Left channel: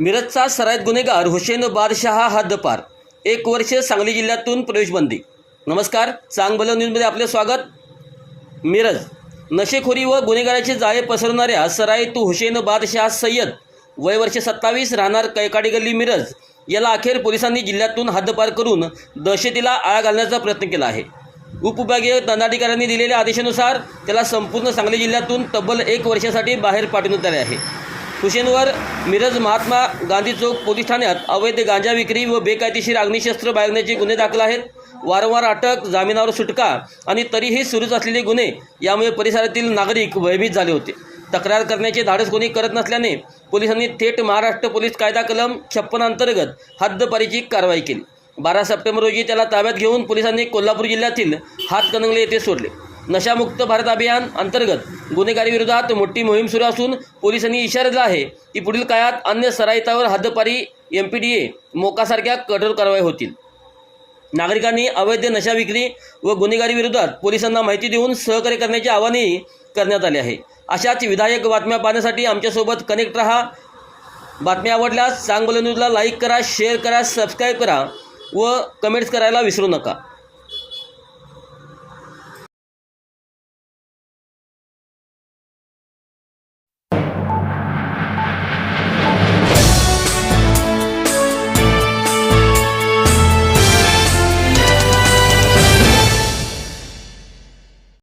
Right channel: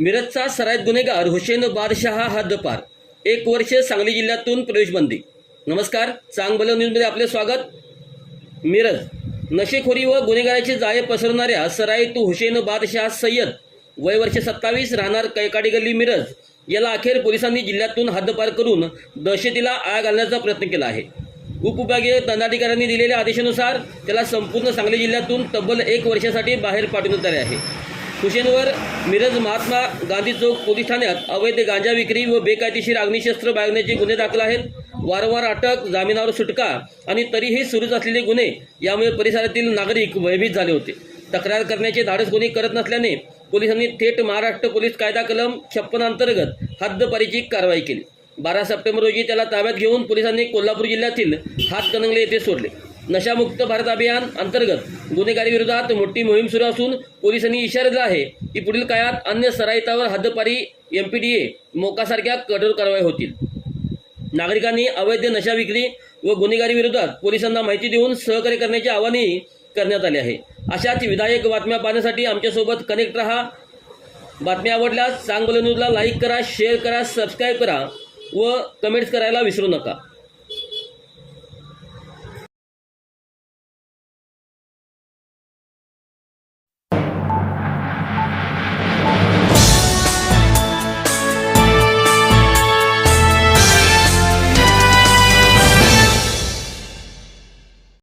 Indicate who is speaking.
Speaker 1: मिरजचा सराईत गुन्हेगार हुसेन बादशहा हद्दपार. एक वर्ष सांगली जिल्ह्यातून प्रवेशबंदी. नमस्कार चांगभलं न्यूजमध्ये आपले स्वागत. मिरज. नशेखोरी व गुन्हेगाराचे जाळे पसरवणाऱ्या सराईत हुसेन बादशहा सय्यद वय वर्ष सत्तावीस राहणार कैकाडी गल्ली मिरज. याला अखेर पोलिसांनी जिल्ह्यातून हद्दपार करून दहशतीला आळा घालण्याचा प्रयत्न केला आहे. उपविभागीय दंडाधिकाऱ्यांनी दिलेल्या आदेशानुसार त्याला संपूर्ण सांगली जिल्ह्यातून तब्बल एक वर्षासाठी बाहेर पाठवण्यात आले आहे. खुशींवर मिरज महात्मा गांधी चौक पोलीस ठाण्यात अवैध गांजा विक्री व बेकायदेशीर अग्निशस्त्र बाळगण्याचे गुन्हे दाखल आहेत. वारंवार अटक जामिनावर सुटका आणि तरीही सुरूच असलेले गुन्हे यामुळे परिसरातील नागरिक भयभीत झाले होते. तक्रार करण्याचे धाडस कोणी करत नसल्याने पोलिसांनी थेट महाराष्ट्र पोलीस कायदा कलम छप्पन अंतर्गत हद्दपारीची कारवाई केली. बारा सप्टेंबर रोजी त्याला ताब्यात घेऊन पोलिसांनी कोल्हापूर जिल्ह्यातील हातकणंगले येथे सोडले. नशामुक्त भारत अभियान अंतर्गत गुन्हेगारीविरोधात मोठी मोहीम सुरू असून पोलिसांनी इशारा दिला आहे की पुढील काळात अन्य सराईतावर हद्दपारी एम पी डी ए मोकासारख्या कठोर कारवाई होतील. नागरिकांनी अवैध नशा विक्री व गुन्हेगारी विरोधात पोलिसांना माहिती देऊन सहकार्य करण्याचे आवाहनही करण्यात आले आहे. अशाच विधायक बातम्या पाहण्यासाठी आमच्यासोबत कनेक्ट रहा. बातम्या आवडल्यास चांगलं न्यूजला लाईक करा शेअर करा सबस्क्राईब करा व कमेंट्स करायला विसरू नका.